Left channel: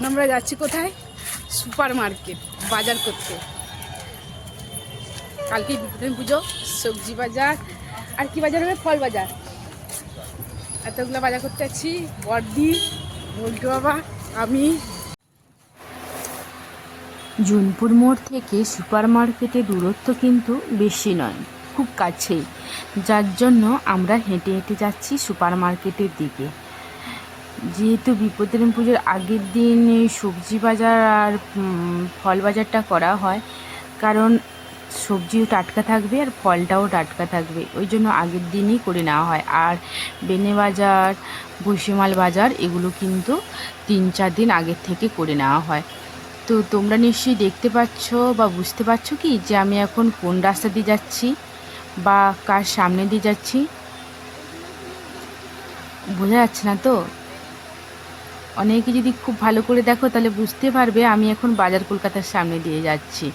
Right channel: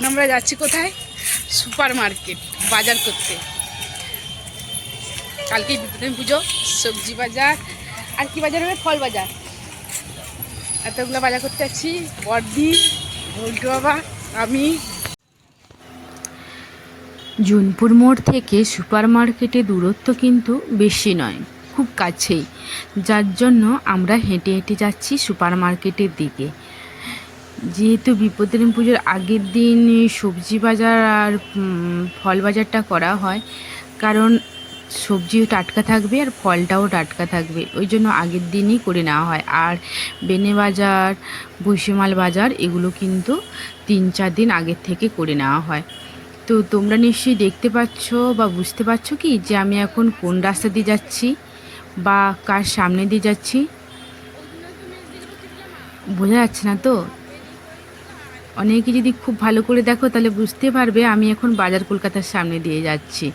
এখন আমরা যাচ্ছি কোথায়? সুপার মার্কেট বাজার করতে। কালকেই বিপদে পুজো, সবজি বাজার আর কি বাজার হবে? ফল বাজার। এতগুলো বাজার করতে যাচ্ছি, বর্দি, বল্টু বাবা, আমি। জুনপুর মোড় থেকে সুপার মার্কেটের দূরত্ব কিন্তু বেশি নয়, খুব কাছেই, যার জন্য আমরা হেঁটে হেঁটে যাচ্ছি সুপার মার্কেটের দিকে। যেহেতু বিপদের পুজোর আগের দিন সবজি বাজার আর ফল বাজারটা করা হয়, কারণ সবজিও টাটকা থাকবে আর ফলটাও টাটকা থাকবে, ওই জন্য আগের দিনই করে নেওয়া হয়। আর বেনে বাজার, ভুসিমাল বাজার এগুলো কিন্তু 3-4 দিন আগের থেকে করে নেওয়া হয়। তো তোমরা নিশ্চয়ই দেখতে পাচ্ছ বা বুঝতে পারছো কি যে আমি এখন কোন রাস্তা দিয়ে যাচ্ছি বা কার সামনে দিয়ে যাচ্ছি? বোঝা যাচ্ছে না তো? অনেকে যদি খুব ভালো করে দেখো তাহলে বুঝতে পারবে আমি এখন বাজার কলকাতার সামনে দিয়ে যাচ্ছি।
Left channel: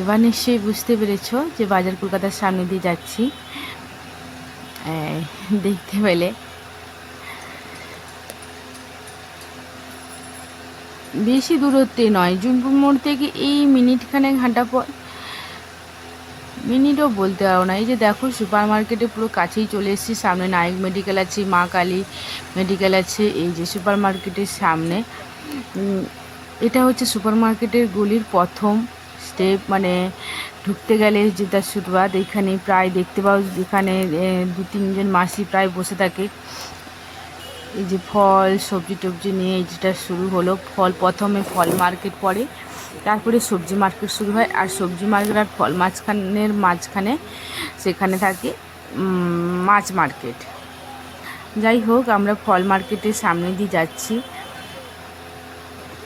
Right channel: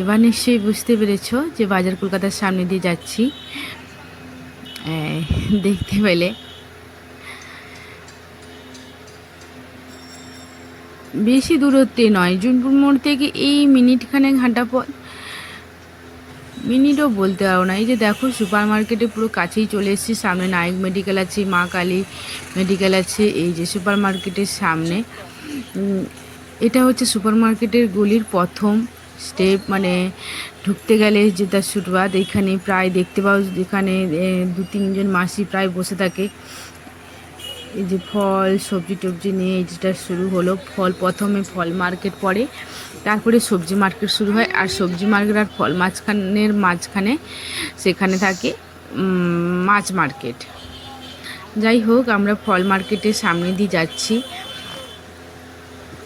এবার নিশ্চয়ই বুঝতে পেরেছ যে বাজার কলকাতার সামনে দিয়ে যাচ্ছি। দেখতে পেলে বেশি দূরত্বে নয়, জুনপুর মোড় থেকে এই মিনিটখানেক হাঁটা পর, মিনিটও বলতে পারো না। এই যে দেখো সুপার মার্কেটে পুরো কাছেই চলে এসেছি। সামনে নায়ক মেডিকেল আছে, মা কালী মেডিকেল আছে, এই যে সুপার মার্কেটের সামনে। এটা হচ্ছে সুপার মার্কেটের গলির প্রথম স্টেপ, মানে ঢুকতে গেলে জুতার ফুটপাত। এখানে প্রায় দেখতে পাও এখানে 2-3 জন মাসি প্রায় বসে থাকে। এই যে ফল সবজি টবজি নিয়ে যেটা শুরু হলো, প্রথমে ফল মার্কেট পড়ে, তারপরে সবজি মার্কেট শুরু হয়। আর সবজি মার্কেট আর ফল মাঝখানে সেখানে থাকে মাছ মার্কেট। যাই হোক, আমরা ফল মার্কেটের সামনে দিয়ে যাচ্ছি।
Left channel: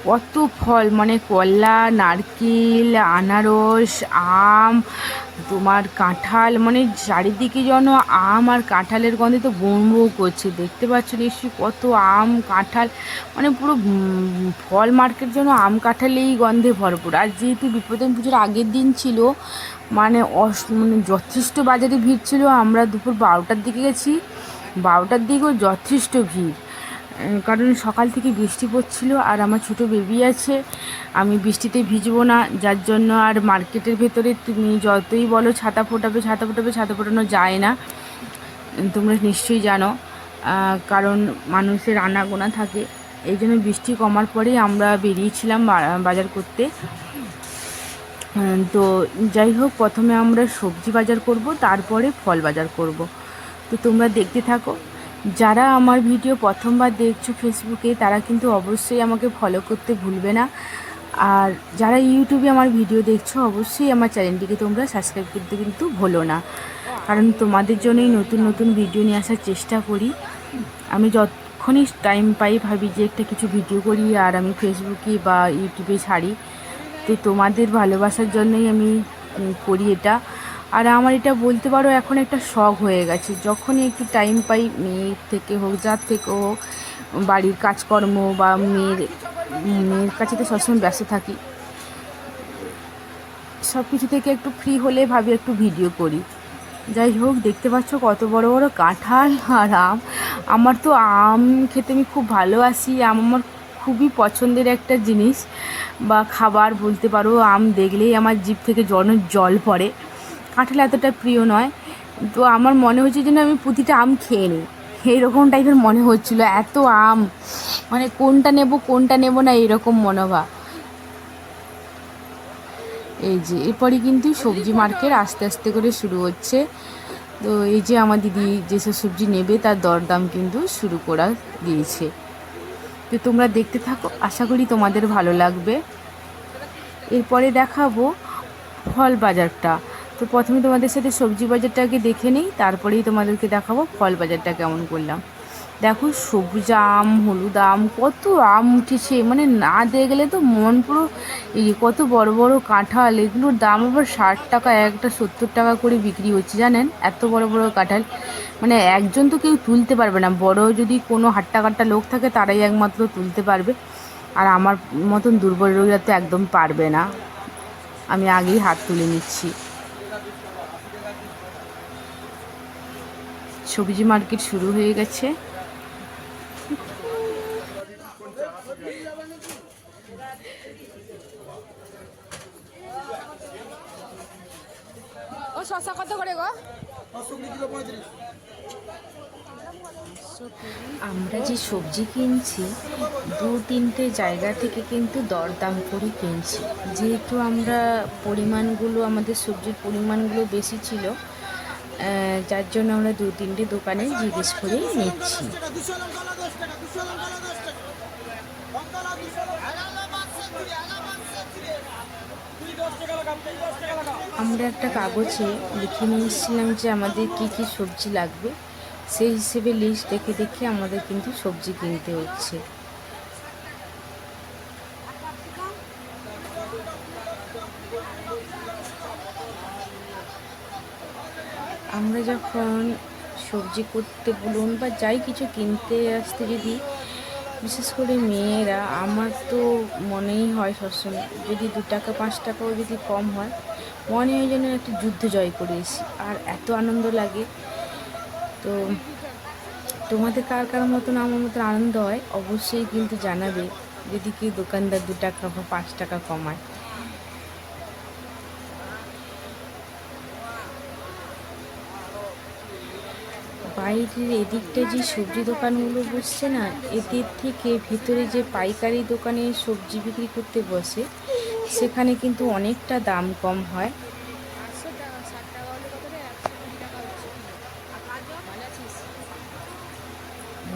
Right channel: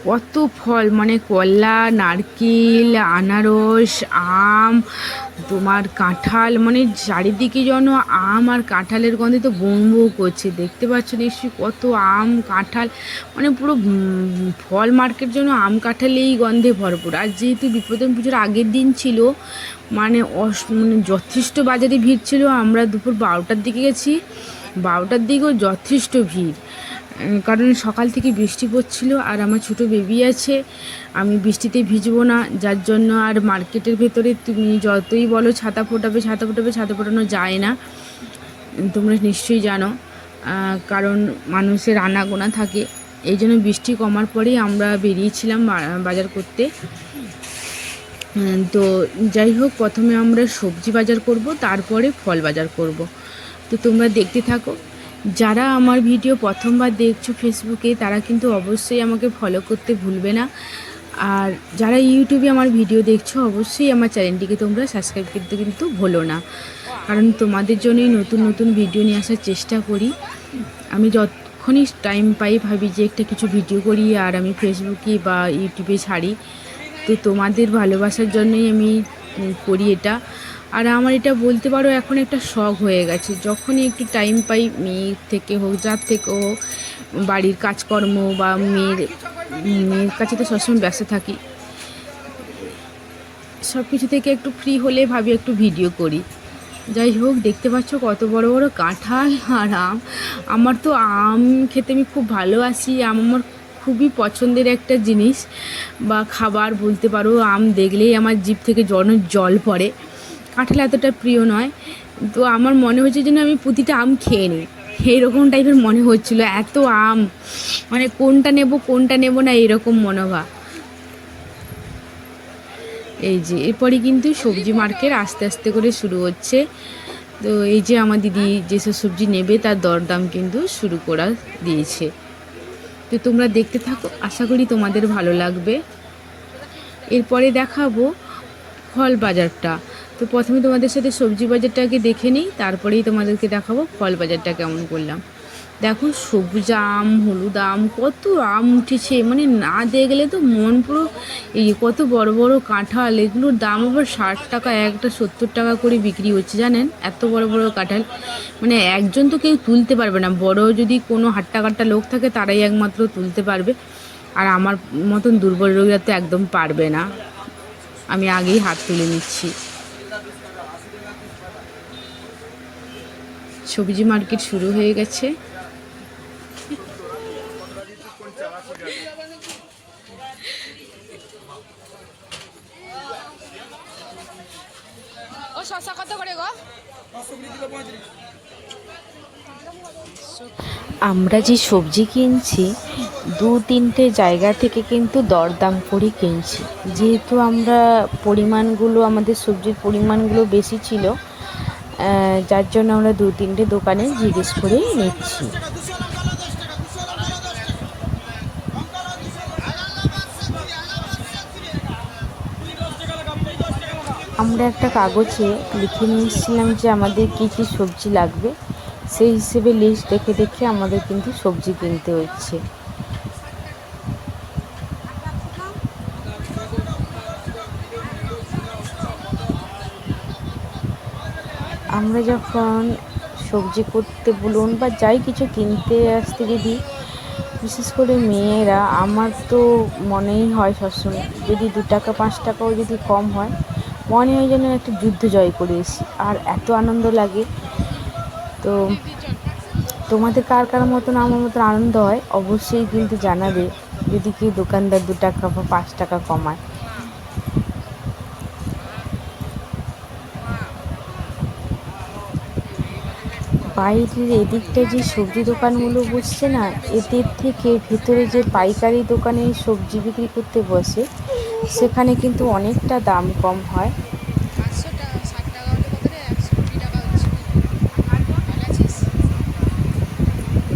কত ফল, মানে কলা, নারকেল, আনারস, আম, তোমার কাঁঠাল, মানে চারিদিকে যেন আম আর কাঁঠালের গন্ধে তো বৌ বৌ করছে। দেখতে পাচ্ছ নিশ্চয়ই কত আম কাঁঠাল, মানে পুরো ফল মার্কেট যেন আম কাঁঠালেই গন্ধে ভরপুর। আর যেহেতু বিপদে পুজোর আগের দিন ছিল, মানে যথেষ্ট বাজারে ভিড় ছিল। আমরা দুপুর 12টার দিকে গেছি, 12টার দিকেও যথেষ্ট ভিড়, কারণ সকাল থেকে বৃষ্টি পড়ছিল আর আমার ছোটো বেবি আছে, আমি বৃষ্টিতে ভিজবো না, যার জন্য। আর মার্কেটের ভেতরে তুমি যতই বলো ছাতা ফোটানো যায় না, তোমরা নিশ্চয়ই জানো, কারণ মানুষের আনাগোনা থাকে। এই জন্য বৃষ্টি কমার পরেই আমরা বেরিয়েছিলাম বাজার করতে। তো যাই হোক, প্রথমে আমরা সবজি বাজার করব, তারপরে ফল বাজার করব। তো তোমরা দেখতে থাকো। যারা আমার ভিডিও প্রথমবার দেখছো ফেসবুকে, তারা কিন্তু অবশ্যই আমাকে ফলো করতে ভুলবে না। আর যারা ইউটিউবে আমার ভিডিও দেখছো, অবশ্যই আমার চ্যানেলটিকে তোমরা সাবস্ক্রাইব করতে কিন্তু ভুলো না, কারণ তোমাদের জন্যই নতুন নতুন ভিডিও নিয়ে আসার চেষ্টা করি। আমি যতক্ষণই টাইম পাই ভাবি যে একটা কিছু ভিডিও করি আর আমি ফেসবুকে বা ইউটিউবে ছাড়ি। তো তোমাদের ভালোবাসার জন্যই আমি করি এটা। আর আমার এটা বলতে পারো এখন একটা শখ হয়ে গেছে। যখনই একটু টাইম পাই, মেয়ের থেকে হোক, যার থেকে হোক, বাড়ির কাজকর্ম বা মেয়ের কাছে তো সবসময় ব্যস্ত থাকি, সব কিছু থেকে একটু ফ্রি হলে ভাবি একটু ভিডিও করি। যাই হোক, দেখতে পাচ্ছ কত বড় বড় কাঁঠাল আর আম। আমার তো আম খেতে আমি খুব ভালোবাসি, আম আমার খুবই পছন্দের একটা জিনিস বা খাবার বলতে পারো। আম দেখলেই আমার জিভ থেকে জল পড়ে। কাঁঠাল এতটা প্রিয় নয়, তো আমার মনে হচ্ছে যেন আমি প্রতিটা আম খেয়ে নিই, এইরকম টাইপের মনে হচ্ছিল। এত আম, মানে কোনটা নেব না এরকম মনোভাব। এই যে এরপরই কিন্তু সবজি মার্কেট আস্তে আস্তে করে শুরু হচ্ছে। তো এই যে আমার দিদি যেসব সবজি নেবে তার দরদাম কিন্তু শুরু করা দিয়েছে। তো তোমরা দেখতে থাকো, আশা করি তোমাদের ভালো লাগবে। এরপরে দেখাবো ফল বাজারটা। তো প্রথমে তোমাদের সাথে সবজি বাজারটাকে দেখে নিই, তারপরেই তোমাদেরকে দেখাবো ফল বাজারটা কেমন করলাম। দেখো সবুজ আম, হলুদ আম, কত আম উঠেছে, মানে না দেখলে তো মন পুরো। এই কত বড় বড় কাঁঠাল, এগুলোর দাম আবার 60 টাকা, একটা 70 টাকা করে বিক্রি হচ্ছে, জানেন? এত বড় বড় কাঁঠাল, মানে একজন তো কেউ তুলতে পারবে না। বড় যদি কোনো হাট্টা লোক থাকে তারাই একমাত্র তুলতে পারবে, আর আমার মতন দুর্বল রোগীরা তো একদম পারবে না। আমি আগেই হাত তুলে নিচ্ছি। সবজি মার্কেট শুরু হয়ে গেছে। শসা কত করে গো? আমরা যে সবজি কিনছি 2-3টে জায়গা থেকে কিন্তু দরদাম করে কিনছি, যেহেতু আমরা আমাদের সবজির পরিমাণগুলো বেশি ছিল, যার জন্য আমরা 2-3টে দোকানে জিজ্ঞেস করে নিচ্ছি। আমরা একটা কাগজে লিখে নিয়ে এসেছিলাম যে আমাদের কী কী সবজি লাগবে, সেই হিসেবে লিস্ট দেখে দেখে আমাদের কিন্তু সবজি কিনতে হচ্ছে। আমরা যখন সবজি করতে বলুন বা যাই কিছু কিনতে আসতে যদি, বিশেষ করে মেয়েরা, আমার তো মনেই হয় সবসময় যদি 2 টাকা 5 টাকাও যদি কম হয়, মনে হয় যেন একটা যুদ্ধ জয় করে এসি, আর এত আনন্দ লাগে। তো তোমাদের কার কার মতন আমার মতন আনন্দ হয় অবশ্যই কিন্তু জানাবে, যদি কি দোকানদার 2 টাকা বা 5 টাকা কমায়। বাইরের এদিকটা যে সবজি দোকানগুলো বসছে না, এদের থেকে ভেতরে যে পাইকারি দোকানে সবজি বিক্রি করতে বসে, সেখানে কিন্তু অনেকটা দাম কম হয়। 560 টাকা হলে কত রে? 120 টাকা হচ্ছে। ভালো আছিস?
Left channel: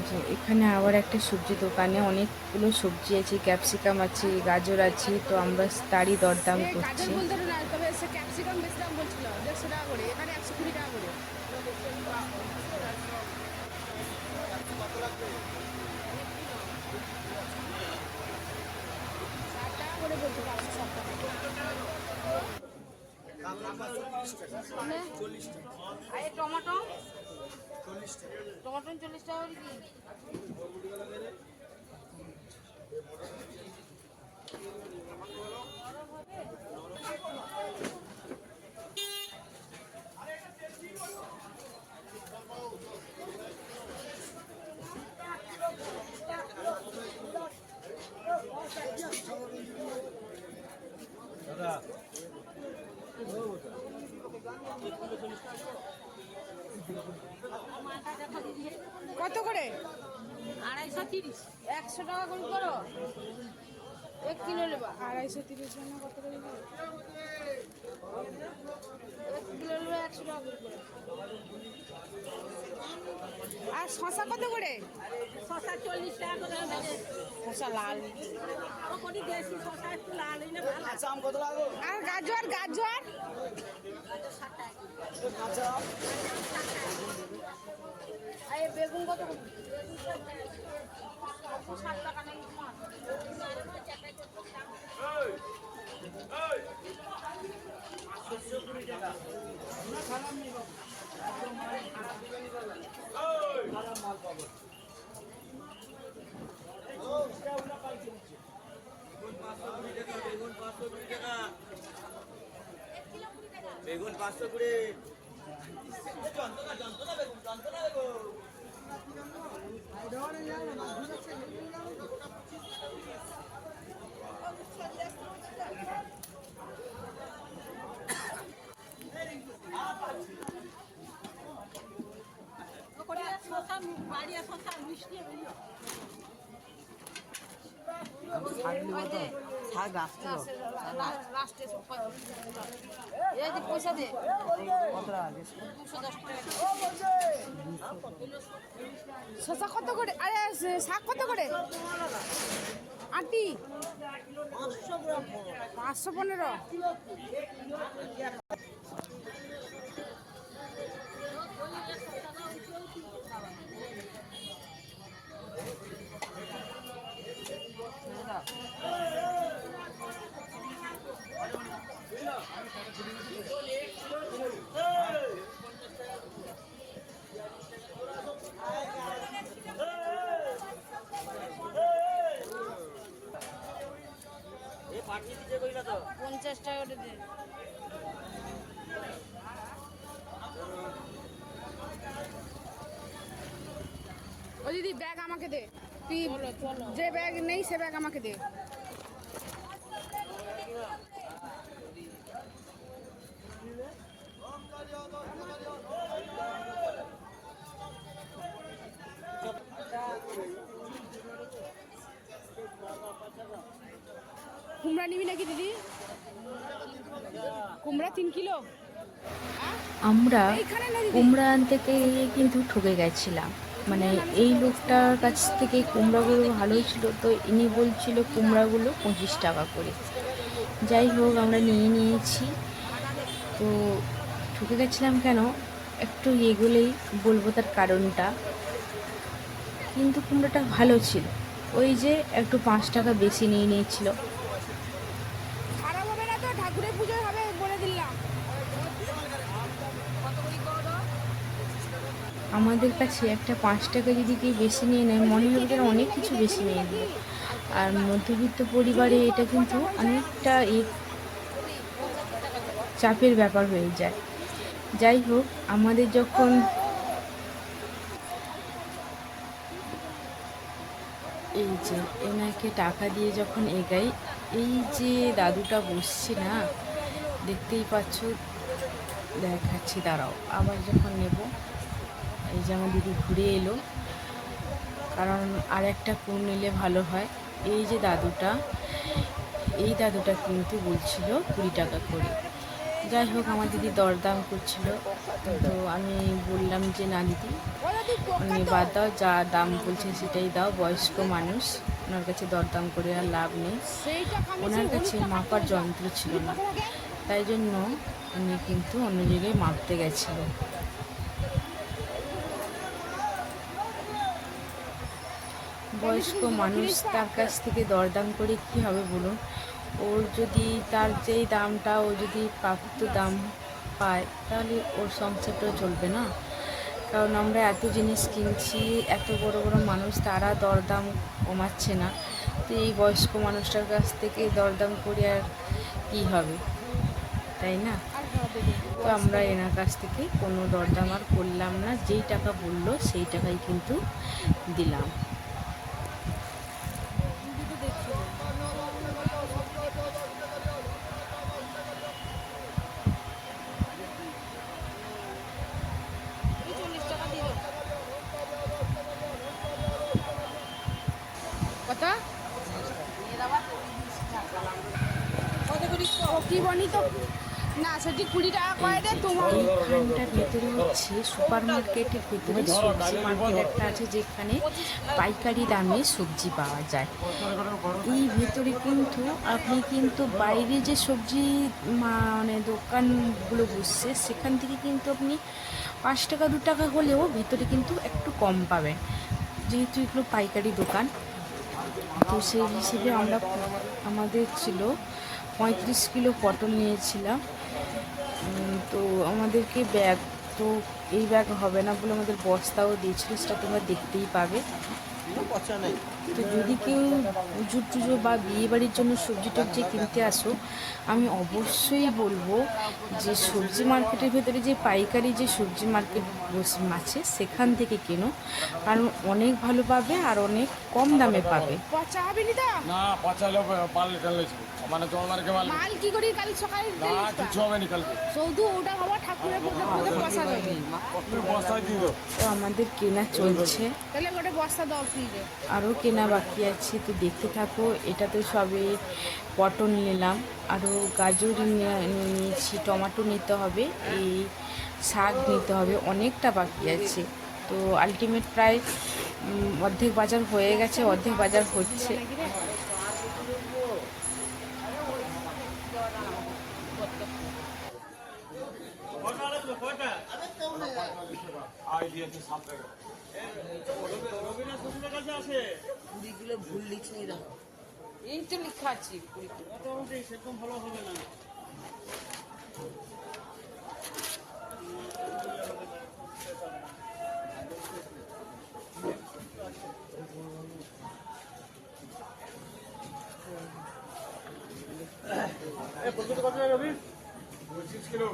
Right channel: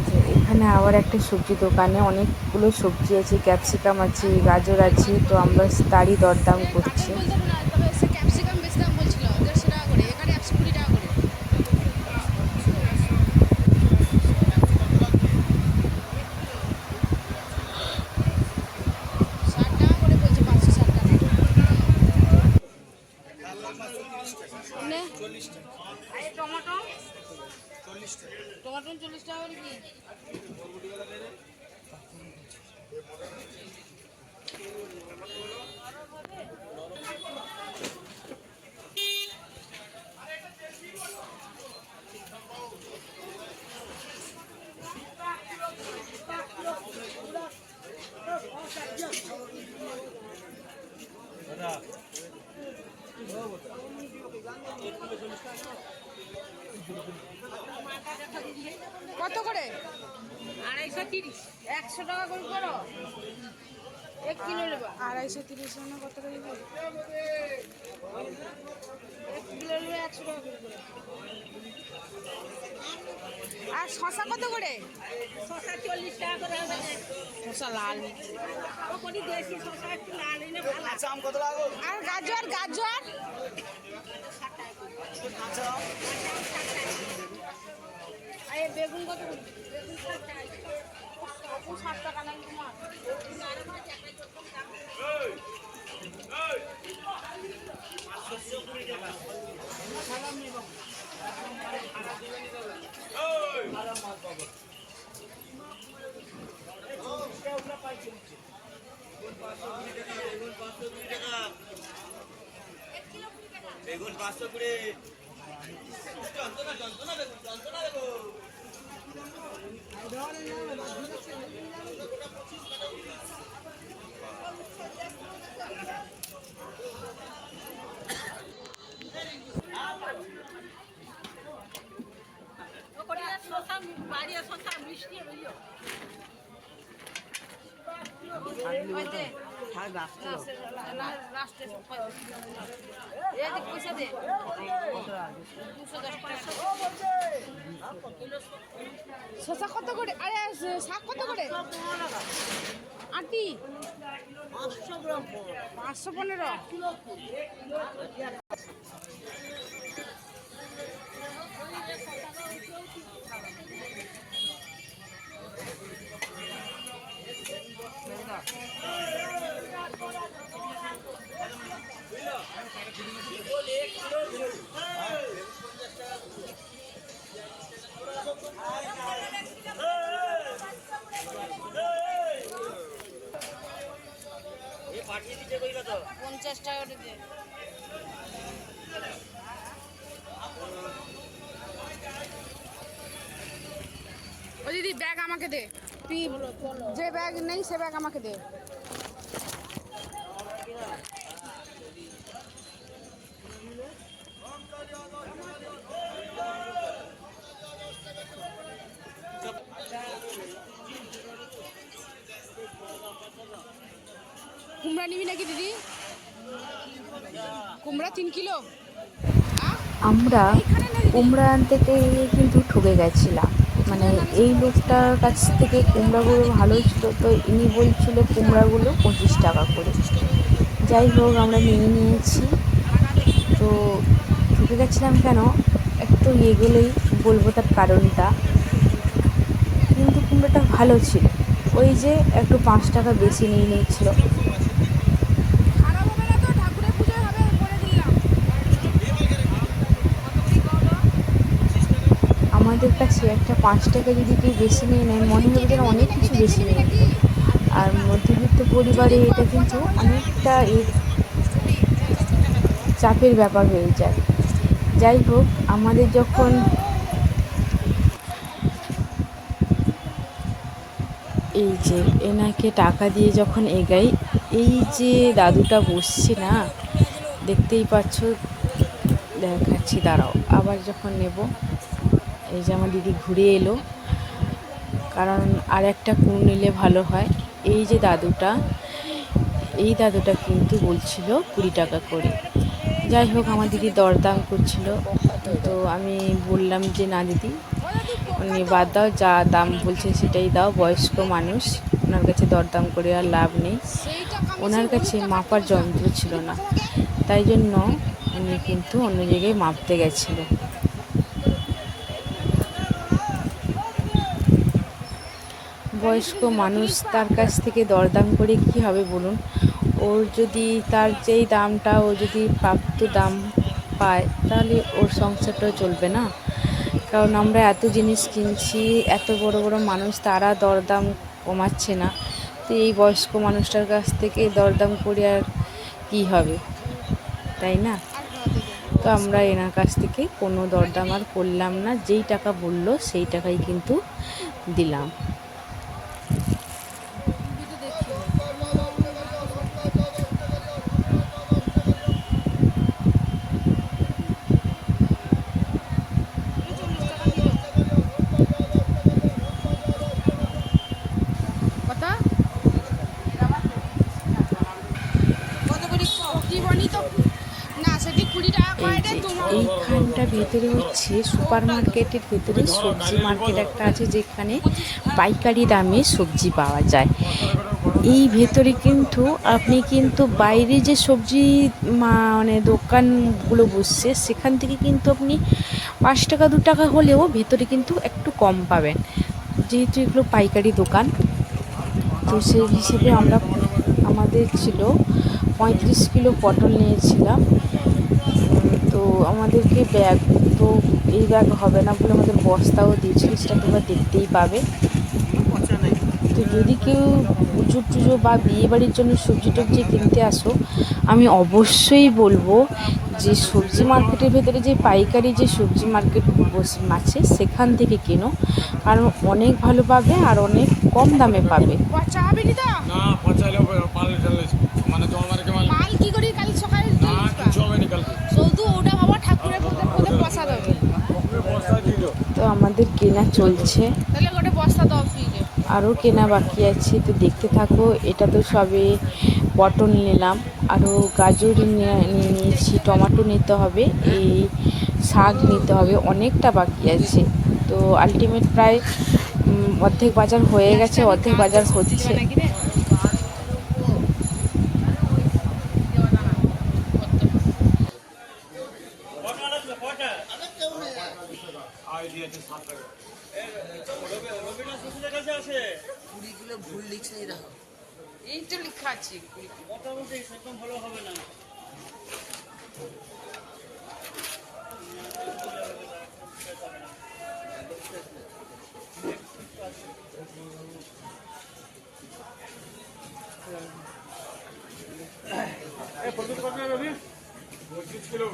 যে এখানে আবার একটা সবজি দোকানে অনেকগুলো সবজি আছে, ক্যাপসিকাম আছে, গাজর আছে, তো আমরা তারই দরদাম করছি। গাজর বলতে না, তবে সে ক্যাপসিকাম বেশি দাম বলছিল, 150 টাকা করে, এখানে 120 টাকা করে। 60 টাকা করে বলছে, 560 টাকা। মানে আরে টমেটো 40 টাকা করে কি? কত করে? 230। 100 টাকা কম করো, 1 কিলো নেবা। 230 না কত করে দিবে? 1 কিলো নেবে 100 টাকা করে। আর শসা কত করে? শশা 40 টাকা করে হবে। শসা লাল। ও কোটি দেশি শশা একটু লাল হইলে ভালো। আর গাজর গাজর আর এই বেগুন কত করে? 60 টাকা না তোমার? বেগুন 500 করে। ও কোটি শশা বাড়িয়া শশা মিষ্টি হইলো। পয়সা দে। শসা কত করে? আরে শাক কত করে? আটি 515। এ পাঠিয়ে দিতে কইলা তো 50 টাকা করে দে। ও দিদি ব্যাগ আমাকে দে, তুই যে ব্যাগ নেই সে ব্যাগ আমাকে দে। কুমড়া নিবি নাকি দিদি? কুমড়া 3 কিলো। আমরা কুমড়া আনতে গিয়ে কিন্তু ঠকে গেছিলাম। মানে এই লোকটার কাছ থেকে কুমড়াগুলো ভালোই ছিল, তো ইনি বলছিল কুমড়াগুলো 25 টাকা করে। যাই হোক আমরা নিয়েছি। তো ঠকে গেছিলাম কেন একটু এগোলেই বলবো তার কারণটা। কিন্তু কুমড়োটা ভালো ছিল, ওই যে একটু 5 টাকা বেশি নিয়ে নিয়েছিল। আমাদের কাছে একটা 5 টাকা যদি কেউ বেশি নিয়ে নেয় মনে হবে যেন অনেক কিছু বেশি নিয়ে নিল। আর মধ্যবিত্ত পরিবারে এটা কিন্তু অনেকটা চাপের ব্যাপার হয়ে যায়। যাই হোক আমাদের যখন এই যে এনাকে টাকা দিয়ে যখন এগাই, এই যে দাদুটা বসছে না, দেখতেই পাচ্ছ, দেখাচ্ছি দাঁড়াও। আবার যখন নেব, এই যে আমার দিদি ঘুরে এলো, কারণ আর একটা কুড় নিলে ভালো হয়। এই যে দাদুটা, এই দাদুটা কিন্তু বলছিল 20 টাকা করে। যাই হোক আমার দিদি দরদাম করছিল, তো আমি বললাম যে না দিদি বাদ দাও, যা দাম বলছে সেটাই দাও, বয়স্ক মানুষ, ওনার কাছে দরদাম করে আর লাভ নেই। ওনার কাছে মাপার যন্ত্র ছিল না, তাই জন্য উনি কিন্তু অন্য জায়গায় মাপতে গেছিল। বয়স্ক মানুষ, তার কাছ থেকে দরদাম করে কি হবে বলুন? ওর যদি তার যেই দামটা ও যদি প্রাপ্ত দাম পায় তাহলে ওর সংসারটাও চলবে না। কারণ আমরা এত জিনিস কিনছি, এত বড় বড় মানুষ, তারা দরদাম কমাচ্ছে না, তো এই বয়স্ক মানুষটার কাছ থেকে দরদাম করে আর কী হবে, তাই না? তো আমরা এনার কাছ থেকে কোনো দরদাম আর করলাম না, যেই টাকা বললো সেই টাকাই কিন্তু দিলাম। কথা কি বনি তো না, সেটি 20 টাকা করে দে তোমার। এইখানটার ভেতরে হচ্ছে সুপার মার্কেটের ভেতরে সবজি মার্কেট একটা আছে, যেখানে পাইকারি দামে সবজি পাওয়া যায়। এই ভেতরে কিন্তু আপনি কিন্তু বাইরে যে সবজি মানে দোকানগুলো বসছে সেখান থেকে কিন্তু আপনি 5 টাকা 2 টাকা হলেও ভেতরে কিন্তু একটু কম পাবেন, যেহেতু এগুলো পাইকারি দোকান। তো সেই হিসেবে আমাদের ছিল 35 কিলো পটল নিয়েছিলাম। তো আমাদেরকে ব্যাগ, তো এই ব্যাগ হবে না বলে আমাদের বস্তাও দিয়েছিল, সেটা তোমরা দেখতেই পাবে। তো যদি কেউ পুজো টুজো বা বিয়েবাড়ির জন্য সবজি টবজি কিনতে আসো, আমি অবশ্যই বলবো যে সবজি মার্কেটের ভেতরে যে পাইকারি যে সবজি মার্কেট আছে সেখান থেকে কেনো, কারণ অনেক ভালো পাবে আর অনেক কম দামে পাবে। পচা হবে নি তো? না পচাইলে মানে তোমাদেরকে মাল কি করি কাল সকালে কিছু হবে না কালকে শুধু ওটা বাবা ঠাকুরের পদে পচা দেবে। বস্তা দিয়ে দাও। তো আমাদের কেনা চলছে, তাহলে ওটা বস্তা দাও ফ্রিজে। আরও কেনা বাকি আছে, তো দেখতে থাকো। এটা তো সবে পটল নিলাম, আরও গাজর নিয়েছি, টমেটো নিতে হবে, এই শাক নিতে হবে, অনেকটা বাকি আছে। তো আলটিমেট প্রায় অর্ধেক বাজার হয়ে গেছে, অর্ধেক বাজার হচ্ছে। আই দিয়েছে 7 টাকা। রবিনা শ্বশুরের কাছে আছে। এই তো লেখা আছে মোটামুটি সেরকম ভালো হবে না। কত কত রবি? 25 কিলো।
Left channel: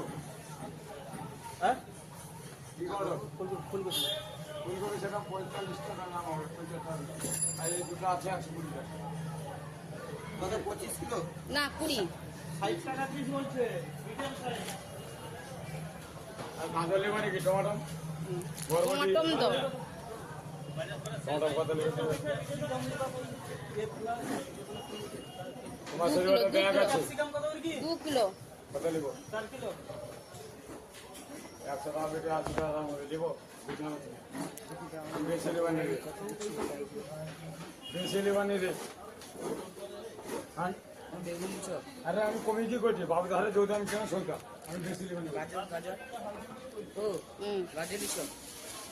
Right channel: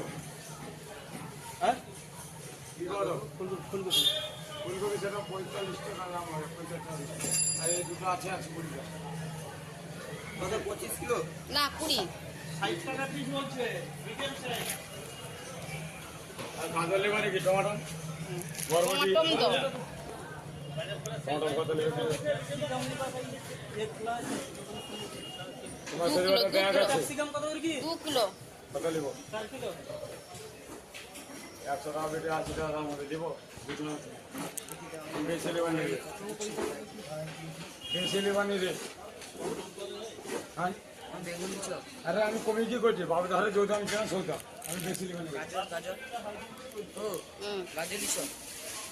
হ্যাঁ? কি করো? ফুলকপি সেটা 45 টাকা দাম হবে, 45 টাকা। আর এই দুটো আছে 80 টাকা। কত 25 কিলো? না 20। 60 টাকা পিস বলছে। Medium size. আর গাজর লেবা নাকি টমেটো? বরবটি। টমেটো টমেটো কত লেগে? তোমার শরীরে একটা ব্যাগ আছে 2 কিলো। কত নিব 100 টাকা বেটে 80 টাকার মধ্যে দিব বেশি নেবানি রে বেশি নেবানি রে হ্যাঁ আরে আমি কমে কি করছি বাবু ধারে যদি আমি কেন চলতাম আমি বেশি নেবানি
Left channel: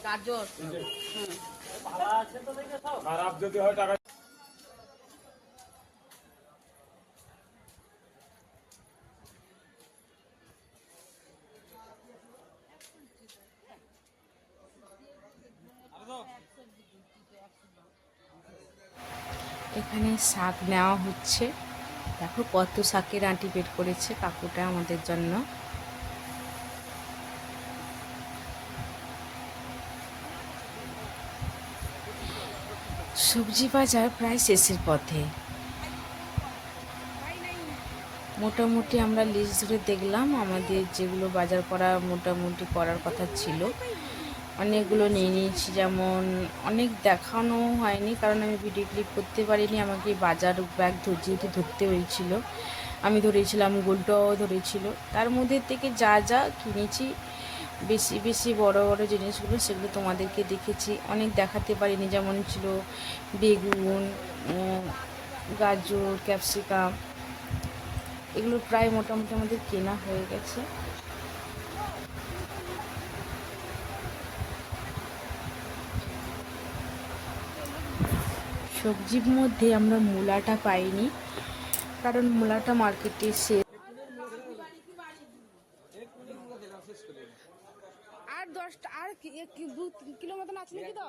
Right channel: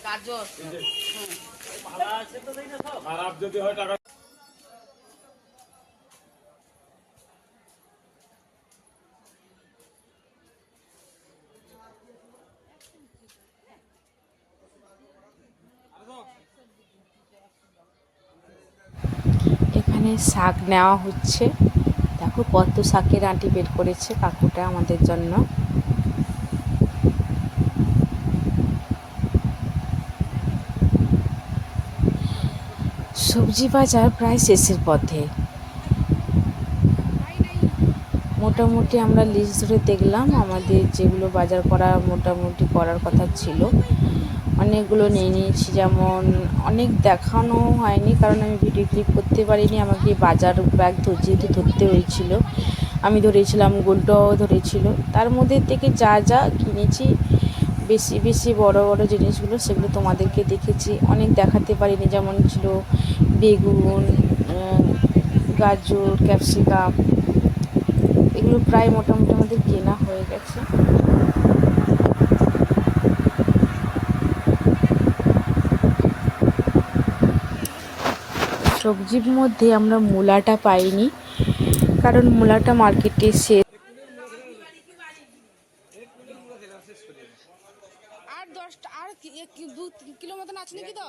গাজর। খারাপ যদি হয় টাকা এখানে শাক নেওয়া হচ্ছে। দেখো কত শাকের আঁটি বের করেছে কাকুটা আমাদের জন্য। সবজি বাজার প্রায় শেষের পথে। মোটামুটি আমরা লিস্ট ধরে দেখলাম আমাদের যেগুলো বাজার করা মোটামুটি করার কথা ছিল অনেকগুলো নিয়ে নিয়েছি। যেমন অনেক দেখানো হয়নি কারণ আমি ভিডিও ক্লিপ করতে পারিনি, আমাকে বাজার ব্যাগ যেহেতু ধরতে হয়েছিল। আমি ধরেছিলাম, গোলটাও ধরেছিল। তার মধ্যে থেকে যা যা কিনেছি বেশি বেশি বড় বড় জিনিসগুলো সেগুলো তোমাদেরকে দেখেছি, অনেক দেখাতে পারিনি। যেমন ছিল বেগুন, গাজর, ক্যাপসিকাম, এগুলো প্রায় মোটামুটি আমাদের কেনা হয়ে গেছে। সবজির মধ্যে আমরা মূলাটা পাইনি কারণ মূলাটা মার্কেটে শেষ। আর 10টা আর 2 কিলো মতন আছে নাকি? তো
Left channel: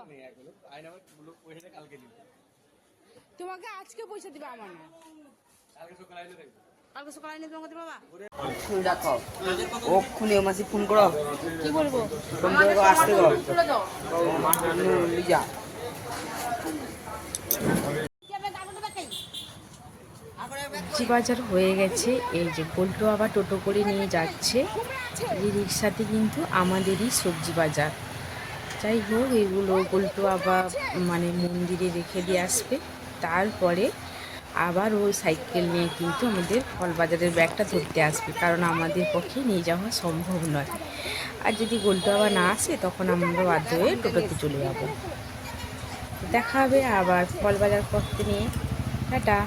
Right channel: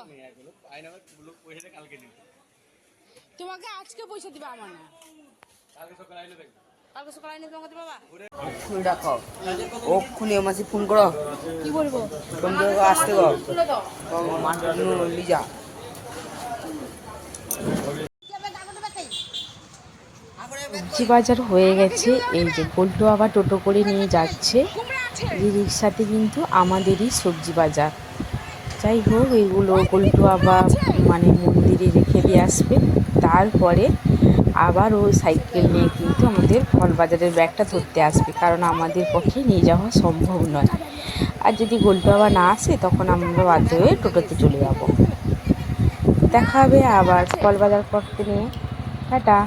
তোমাকে আজকে পয়সা দিবা আমার না, কালকে সকালে আইলে তোমাকে দিবা। দেখো ওক্ষুনি মাসি ফোন করো কি বলবো? ফোন করে আসতে গো তুলে দাও। লিজা সবজি বাজার হয়ে গেছে। এই যে পল্টু আবার টোটো করে নিয়ে যাচ্ছে, এই রিক্সাতে কিন্তু আমাদেরই সবজি বাজার। যাই হোক, এইগুলো পল্টু আবার মানে মন্দিরে রেখে দিয়ে আসবে, তারপরে আবার ও সাইকেল নিয়ে কিন্তু আমাদের ফল বাজারের ব্যাগটা ধরতে আসবে, কারণ আমাদের পক্ষে নিয়ে যাওয়া সম্ভব নয়। আর যদি গোলটু আবার না আসে তখন আমরা বাধ্য হয়ে টোটোতে চলে যাব। দেখা হবে আবার ফল বাজার করতে নিয়ে। টাটা।